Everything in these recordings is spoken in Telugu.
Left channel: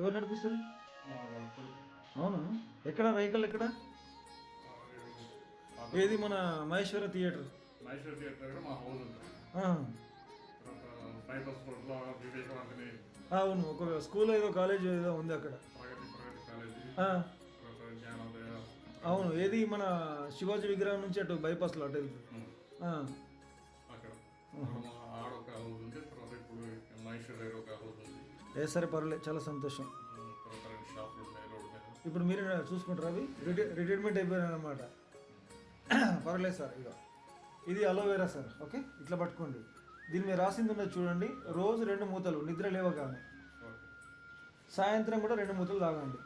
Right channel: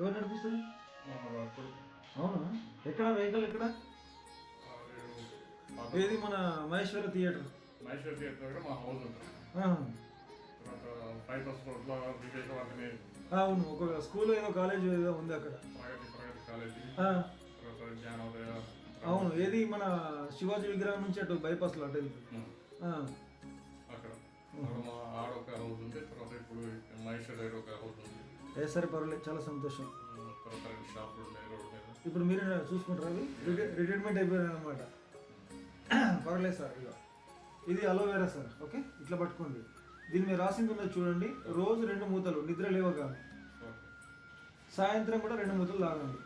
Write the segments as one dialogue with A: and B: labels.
A: ఎవరు నడిపిస్తారు? అవునా? ఎక్కడ? వెహికల్ ఎక్కడ? ఏది మన మహేశ్వర థియేటర్?
B: మహేశ్వర్ థియేటర్ దగ్గర మా హౌస్ ఉంటుంది. బైపాస్
A: అవును ఒక స్కూల్ ఏదో కాలేజ్ ఏదో ఉంది అక్కడ. అవును ఏది మన శివాజీ విగ్రహం నుంచి అటు బైపాస్లో అటు వెళ్ళి.
B: ఉం.
A: ఆ,
B: అక్కడ. ఆడ ఒక హౌస్ ఉంది తర్వాత ఇప్పుడు
A: ఏ సరే పర్వాలేదు చాలా సంతోషం. ఇప్పుడు మీరే చూసుకుంటారు అవి. రిటై- రిటైర్మెంట్ అయిపోయారు అనమాట పర్వాలేదు సార్ ఇక ఇది అలోవేరా సార్ ఓకే? ఇట్లా పట్టుకోండి. దీని మీద రాసింది ఉన్నది చూడండి. రోజు రెండు మూతలు నిద్ర లేవగానే. సాయంత్రం కూడా రెండు మూతలు తాగండి.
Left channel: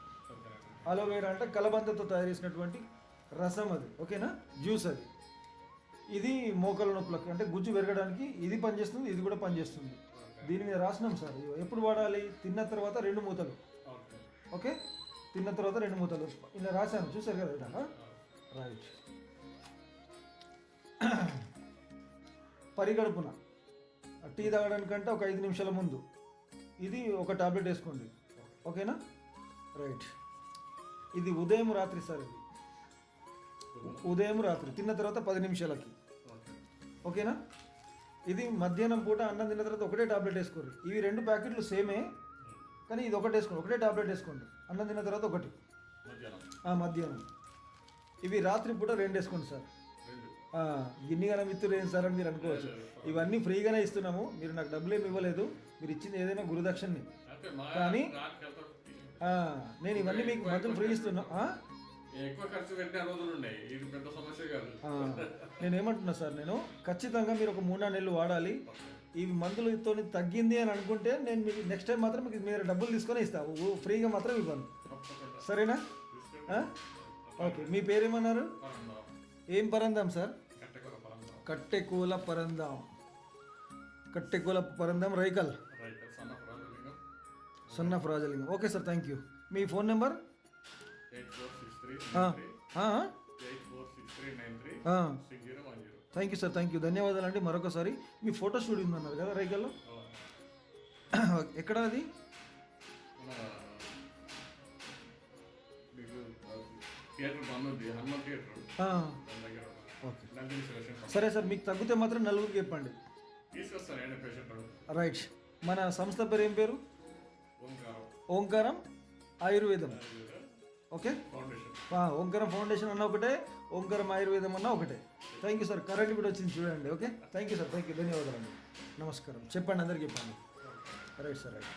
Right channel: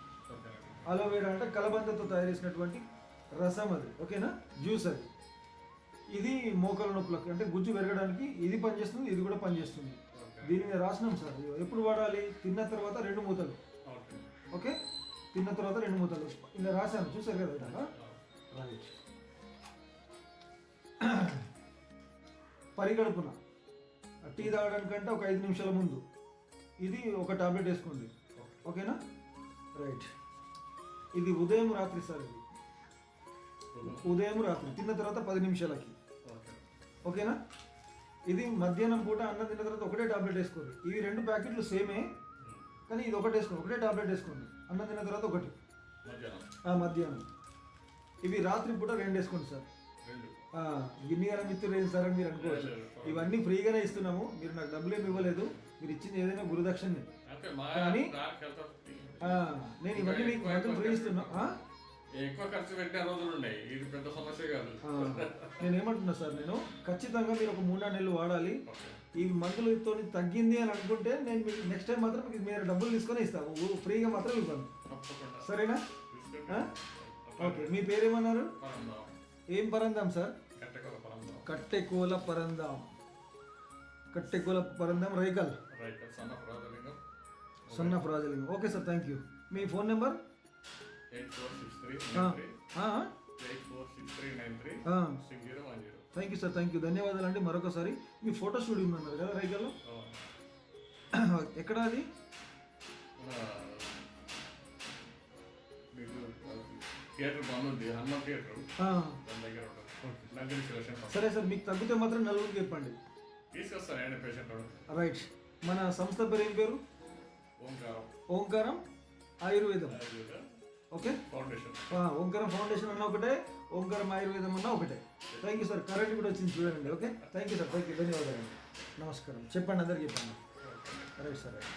A: అలోవేరా అంటే కలబందతో తయారు చేసినటువంటి రసం అది ఓకేనా? జ్యూస్ అది. ఇది మోకాల నొప్పులకు అంటే గుజ్జు పెరగడానికి ఇది పనిచేస్తుంది ఇది కూడా పనిచేస్తుంది. దీని మీద రాసినాం సార్. ఎప్పుడు వాడాలి? తిన్న తర్వాత రెండు మూతలు.
B: ఓకే.
A: తిన్న తర్వాత రెండు మూతలు. ఇలా రాశాను. చూసారు కదా ఇలాగా? రైట్ పరిగడుపున టీ తాగడానికంటే ఒక ఐదు నిమిషాల ముందు. ఇది ఒక టాబ్లెట్ వేసుకోండి. ఓకేనా? రైట్ ఇది ఉదయం రాత్రి సార్ ఇది. ఉదయం రాత్రి. తిన్న తర్వాత పది నిమిషాలకి.
B: ఓకే.
A: ఓకేనా? ఇది మధ్యాహ్నం పూట అన్నం తిన్న తర్వాత ఒకటే టాబ్లెట్ వేసుకోండి. ఇవి రెండు ప్యాకెట్లు సేమే కానీ ఇది ఒకటి వేసుకోండి. ఒకటే టాబ్లెట్ వేసుకోండి. అన్నం తిన్న తర్వాత ఒకటి.
B: మధ్యాహ్నం.
A: ఇవి రాత్రి పూట రెండు వేసుకోండి సార్.
B: రెండు.
A: ఆ, గిన్ని గారం ఇత్తురు ఏం సార్ అని మీరు అనుకోవచ్చు. ఇవన్నీ ఫ్రీగానే ఇస్తున్నాము. మీరు నాకు డబ్బులు ఏమి ఇవ్వలేదు. మీరు ఇచ్చింది ఏదైనా గురుదక్షిణని కానీ- నేను ఇవన్నీ మీకు మొత్తం ఫ్రీ ఇస్తున్నా?
B: ఎక్కువ ఖర్చు పెట్టిన రోజులు ఉన్నాయి. ఇది పెద్ద సమస్య కాదు.
A: నేను ఏమంటున్నా సార్ నేను ఖచ్చితంగా మీరు ఒక మూడు నాలుగు నెలలు వాడాలి. ఈ మందులతో తగ్గింది అని అనుకుంటే నేను మీకు నెక్స్ట్ టైం మాత్రం మీకు మీరు డబ్బులు తీసుకొని ఇస్తాను. ఫ్రీగా మాత్రం ఇవ్వను. సరేనా? ఓకే మీ పేరేమన్నారు? ఏం పరందాం సార్? కట్టెకూల పరందాం. కట్టెకూల పరందాం. రైకల్.
B: సున్నా
A: ఫ్రాజలింగ్ okay sir thank you me phone number? Thank you sir thank you ధన్యవాదాలు అండి. మరొకసారి మీ ఫోటో స్టూడియో ఉందన్నారు కదా రైకల్లో? ఎక్కడ అది?
B: Theatre Hanuman theatre. దాని దగ్గర
A: సరే సార్. మీకు తగ్గితే మాత్రం నలుగురికి చెప్పండి.
B: తీసుకొస్తాను ఏంటి పేషెంట్
A: రైట్. మన సంస్థ పేరు ఏం పేరు?
B: ఓంకారం.
A: ఓంకారం ఆయుర్వేదం. ఓకే?
B: ఫౌండేషన్
A: ఓంకారం ఫౌండేషన్ అన్న ఒకటే ఓంకారం ఆయుర్వేదం అన్న ఒకటే. థ్యాంక్ యూ సార్ కరెంట్ కూడా వచ్చింది చూడండి okay? Thank you sir thank you ధన్యవాదాలు. నమస్కారం. చెప్పండి అందరికి చెప్పండి. Right sir right